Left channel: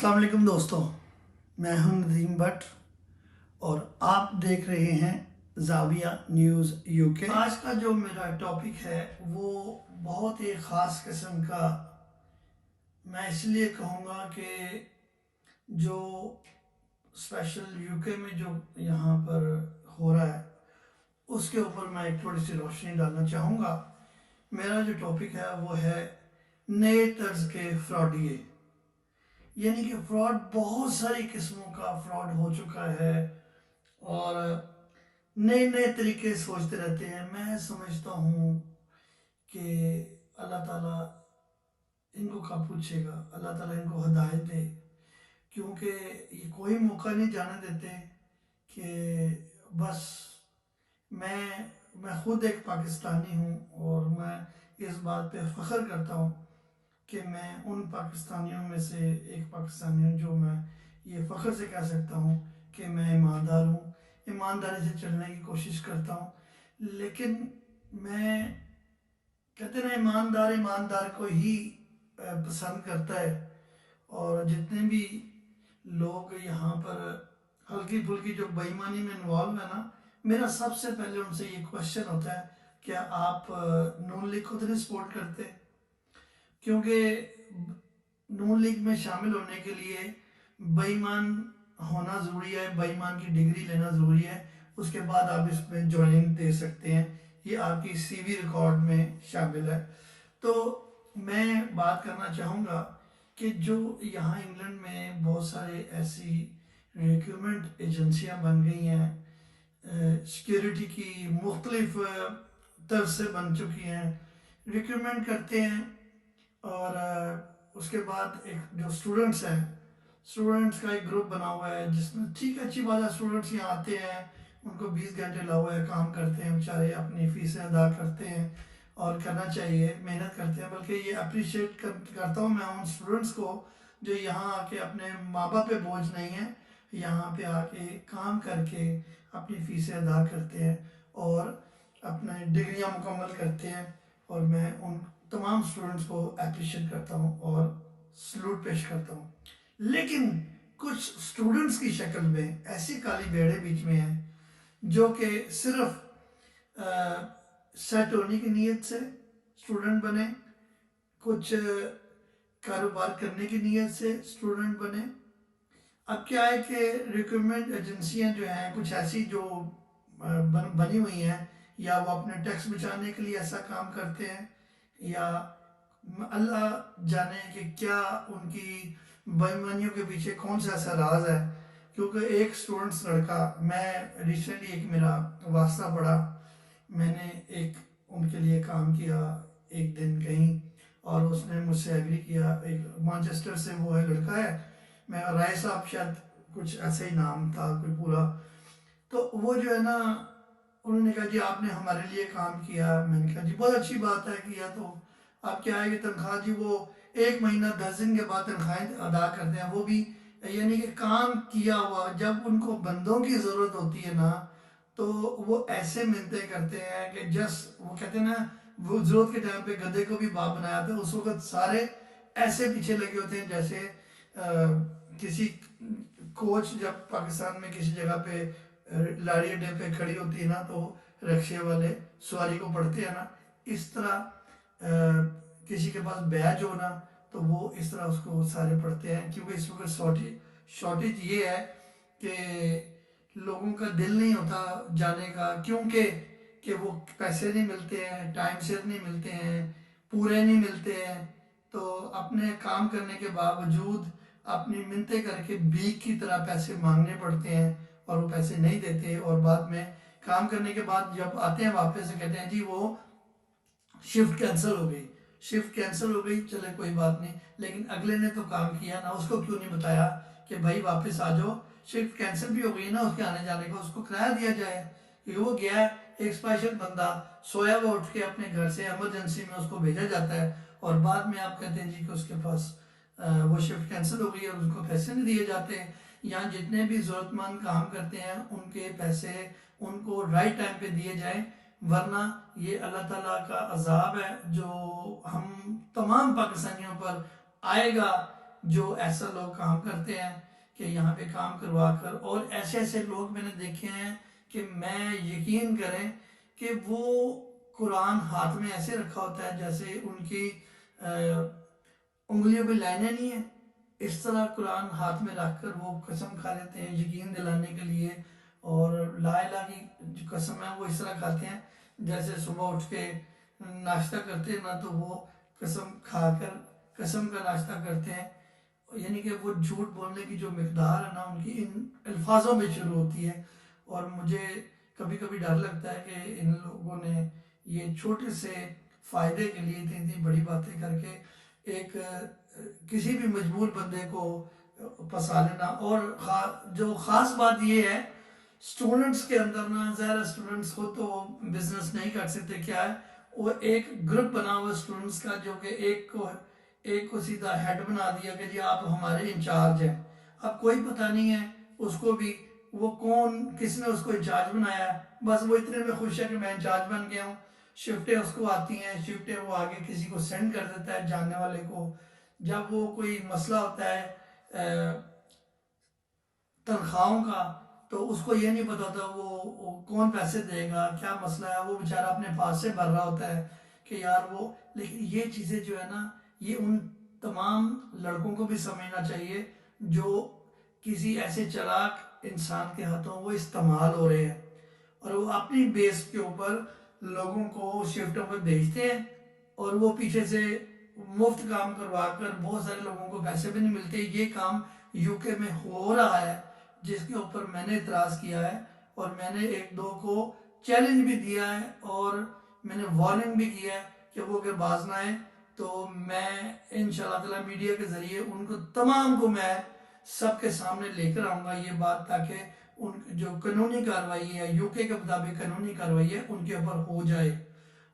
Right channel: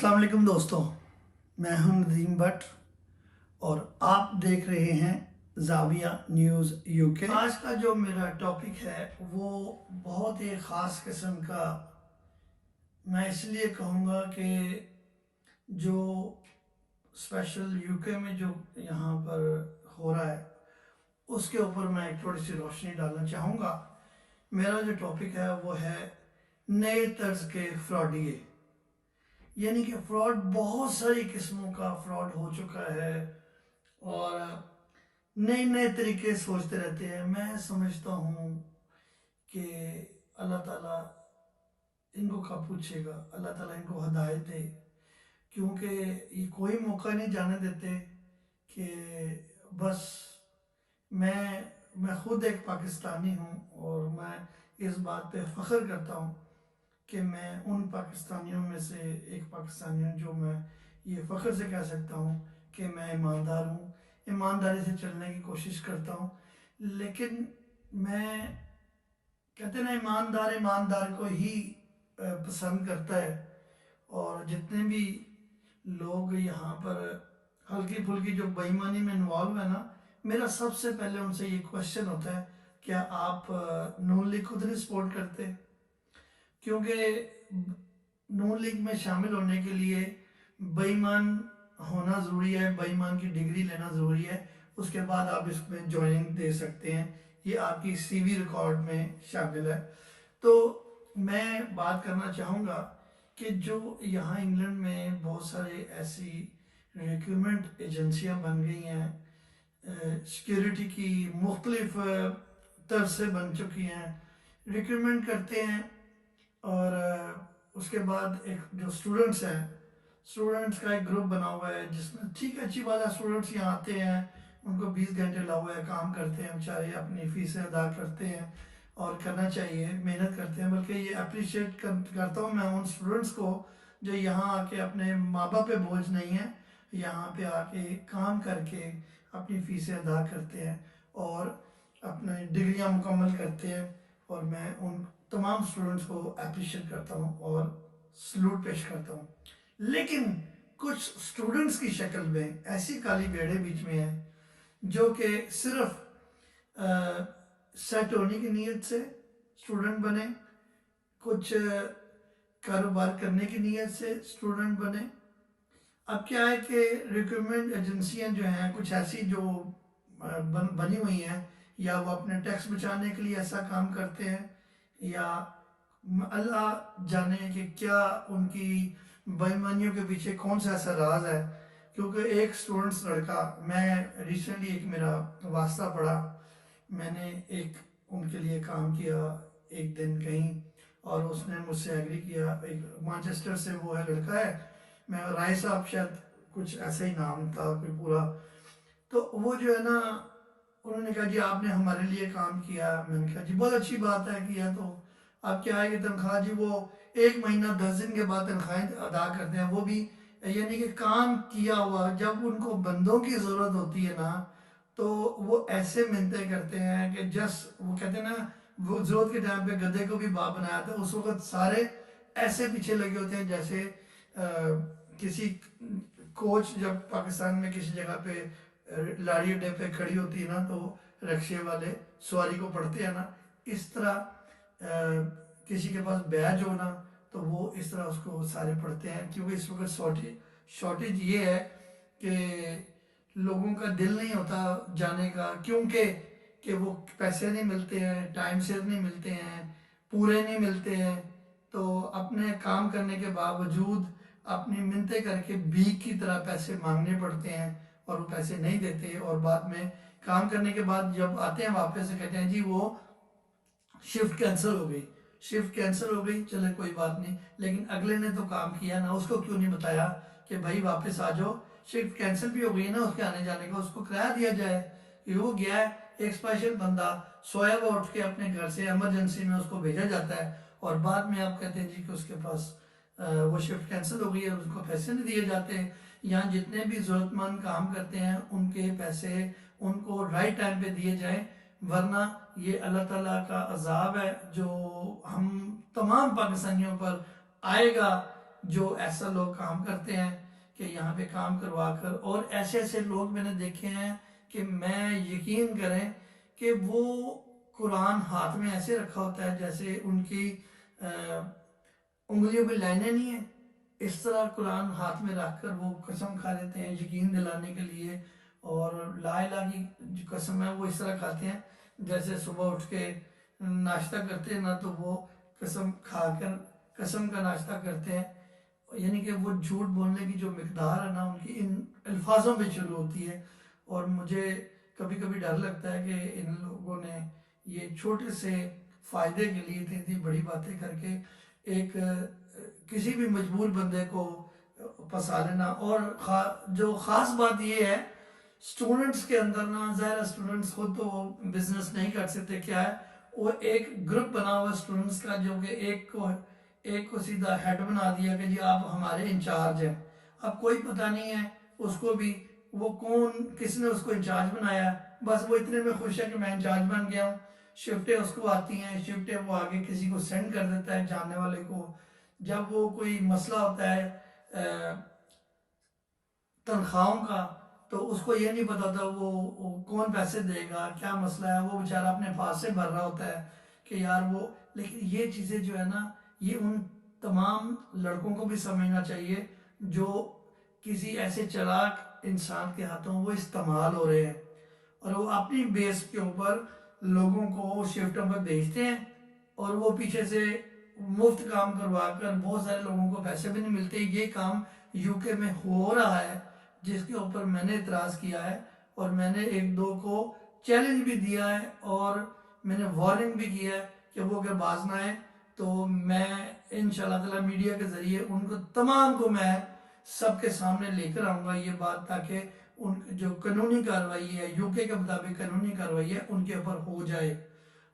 السلام علیکم دوستوں، میں ہوں ندیم بٹ اور آپ دیکھ رہے ہیں زاویہ نیوز یو کے۔ آج کا جو میرا ٹاپک ہے وہ بہت ہی خاص قسم کا، میں اس لیے کہوں گا کہ جو اسپیشل یو کے میں جو یہاں پر ہو رہا ہے اس کے اوپر میں ایک تھوڑی سی روشنی ڈالنا چاہوں گا۔ میرا جو ٹاپک ہے وہ ہے نئے طرز کے فراڈیے، یعنی کہ فراڈ بہت ساری قسموں کا فراڈ ہو چکا ہے اور نئے نئے طریقے سوچتے رہتے ہیں۔ میں سمجھتا ہوں کہ اللہ تعالیٰ ان کو کب پوچھے گا، اللہ تعالیٰ ان کو ہدایت دے، کیونکہ یہ کوئی موقع نہیں جانے دیتے کہ بس میں خود ایک پاکستانی ہوں اور میں اس بات پہ فخر کرتا ہوں کہ میں ان پاکستانیوں میں سے ایک پاکستانی ہوں جو میں یہ فخر سے کہہ سکتا ہوں کہ میں ایماندار ہوں، ایمانداری سے چلنے کی کوشش کرتا ہوں۔ لیکن میں کہتے ہیں نا، ایماندار کو ہی پسند کرتا ہے، اور جتنے بھی لوگ یہاں پر ہلکی پھلکی جو بے ایمانی میں انوالو ہے نا، میرا سب سے پہلے ان سے یہ کوشچن ہوتا ہے کیا آپ نون لیگ کو تو نہیں سپورٹ کرتے؟ کیونکہ نون لیگ میں شامل ہونے کے لیے بے ایمان ہونا ضروری ہے، بے ایمان کی ڈگری لینا ضروری ہے، اس کے بعد آپ اس میں جوائننگ دے سکتے ہیں، یہ آپ کی سی وی ریکارڈ میں شامل ہے۔ تو میں بات کرنا چاہوں گا کہ جو یہاں انگلینڈ میں بہت سارے ایسی ریکروٹمنٹ ایجنسیاں بن گئی ہیں، سیکیورٹی کی مختلف طرز سے بن چکی ہیں، ریکروٹمنٹ کرتے ہیں اور اس کے بعد ایک جو اسٹوڈنٹس ہیں، اسٹوڈنٹس کا ایک گروپ بنا ہوا ہے جس میں ٹھیک ہے، اچھی بات ہے، اسٹوڈنٹس یہاں آتے ہیں، ان کو 20 گھنٹے لگا ہوا ہے، کام کرتے ہیں بیچارے، اپنی فیسیں ادا کرتے ہیں اور کرنا چاہیے، محنت کرتے ہیں۔ بلکہ یہ اپریشیٹ کرتا ہوں میں ان اسٹوڈنٹس کو جو یہاں آ کے اپنے ماں باپ پہ بوجھ نہیں ہیں، یہاں پہ آ کے کام کر کے اپنی فیسیں ادا کرتے ہیں اور اپنے ڈگریاں مکمل کرتے ہیں، اور میں ان تمام اسٹوڈنٹس کو اپریشیٹ کرتا ہوں اور سلوٹ پیش کرتا ہوں۔ لیکن کچھ اسٹوڈنٹس کی شکل میں ایسی کالی بھیڑیں بیچ میں ہیں جو کہ صرف سیٹ ہونے کی نیت سے اسٹوڈنٹ بنے، کچھ کاروبار کرنے کی نیت سے اسٹوڈنٹ بنے۔ اب کیا ہے کہ ریکروٹمنٹ ایجنسیاں جو ہیں کچھ ایسی جو بنی ہوئی ہیں، یا وہ اپنے ٹیکس بچانے کے لیے ایسا کام کرتے ہیں، یا اللہ جانے کہ کیا ان کی بے ایمانیوں کے پیچھے کون سا ایسا راز ہے۔ کیونکہ ایک اسٹوڈنٹس لڑکا، میں ریسنٹلی ایک میرا واسطہ پڑا، میں نے ایک ان کے لیے کام کیا ایک دن کہیں، اور اس نے مجھ سے ایگری کیا، ایک مانچسٹر سے وہ ہے، لڑکا ہے، میں رائے صاحب شاید کچھ ایسا ہی نام تھا کوئی پورا، تو وہ جو ہے نا، انہوں نے کہا جی آپ نے ہمارے لیے کام کیا۔ میں نے کہا جی بہت اچھی بات ہے کیا، تو اب کیا ہے کہ تنخواہ جی وہ 1 مہینہ 10 دن کے بعد تنخواہیں ادا کرتے ہیں، وہ بھی یعنی کہ کام کیا ہوا۔ جب ان کو بندوں کی ضرورت ہوتی ہے نا، تو وہ ایسے منتیں کرتے ہیں کہ وہ کہتے ہیں نا، وہ ضرورت کے ٹائم پہ گدھے کو بھی باپ بنایا تھا، اس وقت سارے ایسے پیچھے لگے ہوتے ہیں جیسے کسی کوچ جب پاکستان میں کسی جگہ پہ لاڑی اڈے پہ کھڑی ہوتی ہے نا، تو رکشے والے سواری کو پڑھتے ہیں نا، اس طرح کسی کے پاس بیج ہونا تو وہ اس طرح اس کو سارے پڑھتے ہیں۔ کیونکہ اس وقت شارٹیج یہ ہے کہ لوگوں کا دل نہیں ہوتا جانے کا، کیونکہ کہ وہ پیسے نہیں ملتے ہیں، ٹائم سر نہیں ملتے ہیں، پورے نہیں ملتے ہیں، تو اپنے کام کرنے کے باوجود اپنی منتیں کر کے بھیک کی طرح پیسے مانگنے پڑتے ہیں، اور وہ پیسے نہیں دیتے، اور بعد میں کام کرنے کے بعد جب آتے ہیں واپس سے کہتے ہیں جی وہ شفٹ کینسل ہو گئی، چلے کوئی بات نہیں، لیکن اگلے نے تو کام کیا نا، اس کو کیوں نہیں بتایا کہ بھائی واپس آ جاؤ، شفٹ کینسل بھی ہو گئی ہے نا اس کے آنے جانے کا، اس کو کرایہ دیا جائے، کہ وہ گیا ہے ایک اسپیشل بندہ سویا ہوا اٹھ کے اپنے گھر سے ایمرجنسی میں اس کو بھیجا جاتا ہے، اور بعد میں آپ کہتے ہیں جی کہ اس کے پاس وہ شفٹ کینسل ہو گئی ہے اور ان کو پیسے نہیں دیے جاتے۔ یہاں جتنے بھی ضرورت مند کام کرتے ہیں ان کے پیسے ان کو رائٹ ٹائم پہ دیے جائیں، ورنہ یہ اللہ تعالیٰ کا عذاب ہے جو ہم تمام پاکستانیوں پر آئے گا جو ایسا لوگ کام کرتے ہیں کہ یہاں پہ کام کروا کر، اور ایسے ایسے لوگ میں نے دیکھے ہیں کہ میں یقین کریں کہ وہ قرآن ہاتھ میں ایسے رکھا ہوتا ہے جیسے ان کی انگلیوں پہ لائنیں نہیں ہیں، اس طرح قرآن ہاتھ میں رکھ کر وہ قسم کھا لیتے ہیں یقین دلانے کے لیے، اور لا الہ کی جو قسم ہے وہ اس طرح کھاتے ہیں جیسے صبح اٹھ کے ناشتہ کرتے ہیں نا، تو وہ قسم کھا کر قسم کا ناشتہ کرتے ہیں، یعنی کہ وہ جھوٹ بولنے کی جو مقدار ہے نا ان کی ان الفاظوں میں شروع ہوتی ہے۔ اور مجھے کبھی کبھی ڈر لگتا ہے کہ ان لوگوں نے یہ چھوٹے سے فائدے کے لیے اتنی بڑی باتیں کر کے ایک کسی بھی مجبور بندے کو پھنسا لینا۔ اور جو خاص بات یہ ہے سٹوڈنٹس کے اندر نا، ظاہر سٹوڈنٹس خود تو بزنس نہیں کر سکتے، کیا ہے وہ ایک گروپ بنا ہوا سٹوڈنٹس کا، جو کہ ایک کو سیدھا ہیڈ بنا دیا کہ جی آپ ہمارے انچارج ہیں۔ اب کوئی پتہ نہیں ہے اس کو بھی وہ کون کس نے اس کو انچارج بنایا ہے، بس وہ اتنے میں خوش ہے کہ میں انچارج بن گیا ہوں۔ شفٹیں اس کو آتی ہیں، شفٹیں وہ آگے کسی کو سینڈ کر دیتا ہے جاننے والے کو۔ جب وہ کوئی مسئلہ ہوتا ہے تنخواہوں کا، تو اس کو یہ نہیں پتا ہوتا وہ کون پیسے دے گا، کیا مسئلہ ہے، وہ بیچارہ اپنے پاس سے بھر رہا ہوتا ہے کہ یار وہ۔ لیکن یہ چیزیں جو ہے نا، یہ ان تمام لڑکوں کو بھی سمجھنا چاہیے جو کسی ایسے چلاک انسان کے ہاتھوں وہ استعمال ہو رہے ہیں، اور وہ اپنی بیس کے اوپر لوگوں کو شفٹوں پہ بھیجتے ہیں، اور وہ پیچھے سے مفت کام کروا کر بہت سارے لوگوں کو پیسے بھی نہیں ملتے۔ یہ کام یو کے میں ہو رہا ہے، جس کے اوپر میں نے اعتراض کیا ہے، اور میں نے ایک دو کو چیلنج بھی دیا ہے، اور میں نے وارننگ بھی کیا ہے کہ وہ اگر باز نہ آئے تو میں انشاءاللہ تعالی میڈیا کے ذریعے ان کو تمام کو میں سب کے سامنے لے کر آؤں گا یہ بات، تاکہ ان جو قانونی کارروائی ہے یو کے مطابق قانونی کارروائی ہے ان کے اوپر ہو جائے۔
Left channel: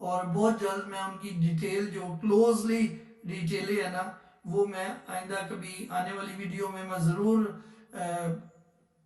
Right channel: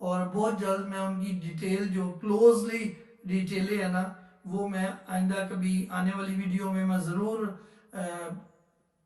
اور بہت جلد میں ان کی ڈیٹیل جو کلوزلی ڈیٹیلیں ہے نا، وہ میں آئندہ کبھی آنے والی ویڈیو میں ضرور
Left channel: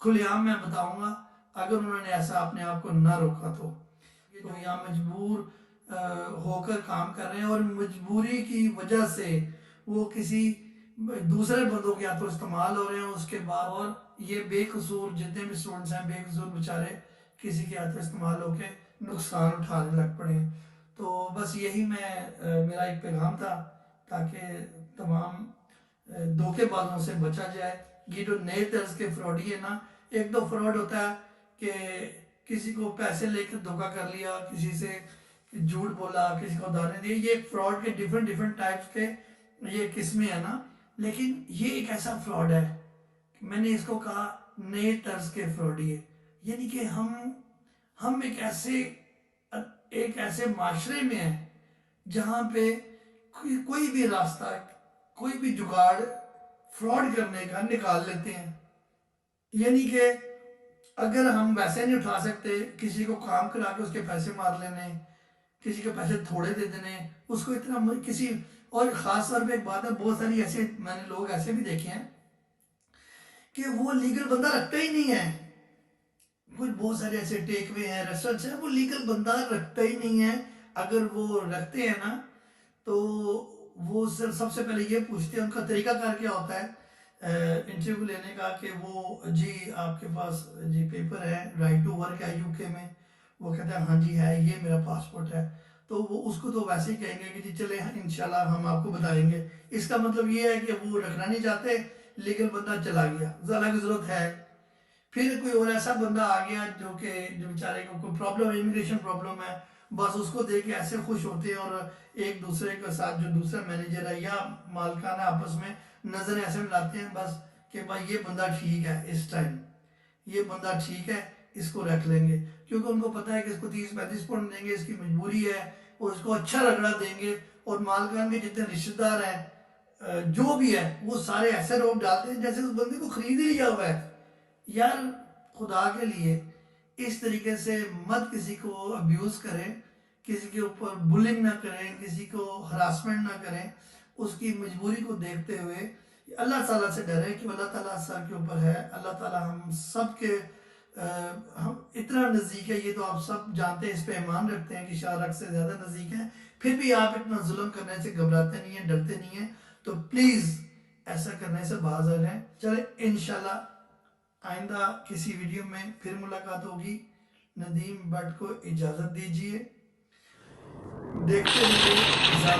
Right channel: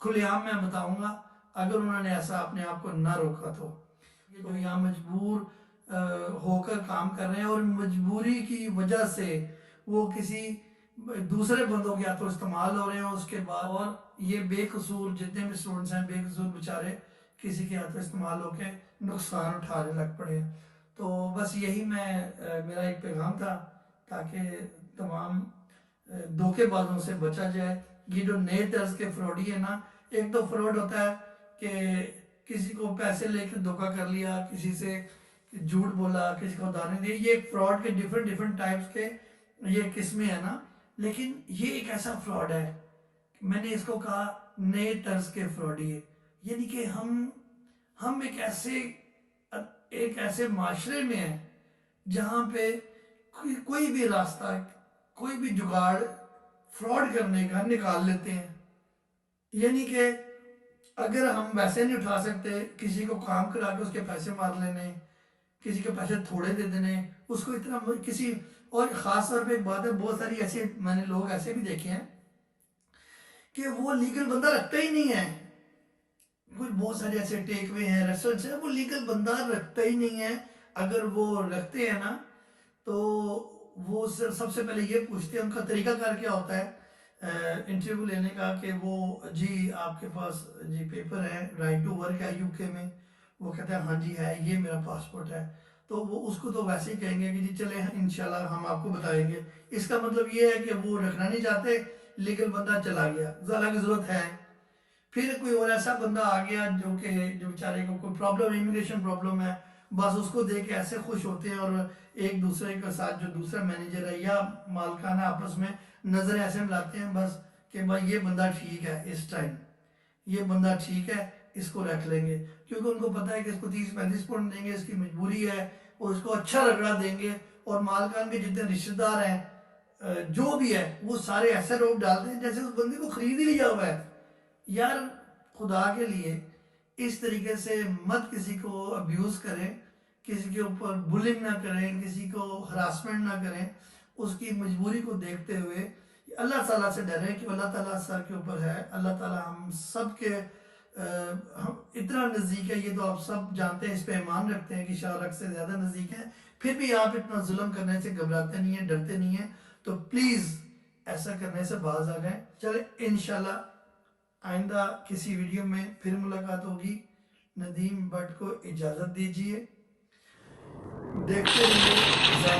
کھلے عام میں بتاؤں گا، اگر انہوں نے ایسا اپنے آپ کو نہ روکا تو۔ یہ جو یہاں مجبور ہو کر کام کر رہے ہیں، اور مجبوری کی وجہ سے وہ کسی دوسرے بندوں کے ہاتھوں استعمال ہو رہے ہیں، اس کے بعد اور یہ بے قصور جتنے بھی اسٹوڈنٹس ہیں بے قصور بیچارے کسی کے ہاتھوں استعمال ہو کے نقصان اٹھانے لگ پڑے ہیں۔ تو بس یہی میرا ایک پیغام تھا، تاکہ تمام دھوکے بازوں سے بچا جائے۔ یہ جو نئے طرز کے فراڈی ہے نا، ایک تو فراڈ ہوتا ہے کہ کسی کو پیسے لے کے دھوکہ کر لیا، کسی سے جھوٹ بولا، کسی کو دانے دیے، یہ فراڈ کے ڈیفرنٹ ٹائپس کے یہ قسمیں ہیں نا۔ لیکن یہ ایک ایسا فراڈ ہے، میں نے اس کو کہا نئے طرز کے فراڈی ہے، یعنی کہ ہم ایک ایسے معاشرے میں ہیں جہاں پہ کوئی بھی راستہ، کوئی بھی جگاڑ فراڈ کرنے کا نکال لیتے ہیں۔ یعنی کہ اگر ہم ویسے نہیں اٹھا سکتے، کسی کو کام کرا کے اس کے پیسے مار لینے، کسی کے پیسے تھوڑے دے دینے، اس کو اتنا کسی اور خاص طور پہ ایک بات ہے، بہت ساری ایسے میں نے لوگ ایسے بھی دیکھے ہیں کہ وہ لیگل بندہ رکھتا ہی نہیں ہے۔ کچھ بہت سارے ایسے ٹیک وے ہیں، ریسٹورنٹس ہیں، وہ لیگل بندہ رکھتا ہی نہیں ہے۔ اگر وہ رکھتے ہیں نا تو وہ سب سے پہلے یہ پوچھتے ہیں، ان کا طریقہ کار کیا ہوتا ہے انٹرویو لینے کا، کہ وہ جی آپ کے پاس جی پیپر ہے، رائٹ ٹو ورک ہے یو کے میں، وہ کہتا ہے ہاں جی ہے، یہ میرا پاسپورٹ ہے، تو وہ اس کو تو ویسے ہی کہیں گے کہ جی چلیں انشاءاللہ ہم آپ کو بتائیں گے۔ اس کا مطلب یہ ہے کہ وہ رکھنا نہیں چاہتے، لیگل بندہ چلا گیا، ذرا کی ضرورت ہے۔ پھر کوئی اور ایسا بندہ آ گیا جو بیچارے کو کوئی پرابلم، امیگریشن پرابلم ہے، بس اس کو دیکھ کے ایسے خوش ہوتے ہیں، اور ایک دوسرے کے ساتھ جو دوسرا مینیجر ہے یا مالکان آپس میں نظریں ایسے ملاتے ہیں بس کہ بھائی یہ بندہ ٹھیک ہے، اس ٹائم یہ بندہ ٹھیک ہے، اس کو رکھ لیں گے، کیونکہ ان کو پتہ ہے کہ اس کو 30-35 پاؤنڈ دیں گے، اس کی مجبوری ہے، اور اس کو اچھا رگڑا دیں گے، اور مالکان کے جتنے رشتہ دار ہیں جو بھی ہے وہ سارے ایسے روپ ڈالتے ہیں جیسے اس بندے کو خرید ہی لیا ہوا ہے۔ یار خدا کے لیے اس طریقے سے مت کسی کو ابیوز کریں، کسی کے اوپر بلنگ نہ کریں، کسی کو ہراسمنٹ نہ کریں، اس کی مجبوری کو دیکھتے ہوئے اللہ تعالیٰ سے ڈریں کہ اللہ تعالیٰ سر کے اوپر ہے، اللہ تعالیٰ ہم سب کے ہم اتنا نزدیک ہے، یہ تو آپ سب جانتے ہیں، اس پہ ایمان رکھتے ہیں کہ شارک سے زیادہ نزدیک ہیں، پھر بھی آپ اتنا ظلم کرنے سے گھبراتے نہیں ہیں، ڈرتے نہیں ہیں۔ تو پلیز ایسا کرنے سے باز آ جائیں. چلے انشاءاللہ آئندہ کسی ویڈیو میں پھر ملاقات ہوگی. ندیم بٹ کو اجازت دیجیے. دیکھتے رہیے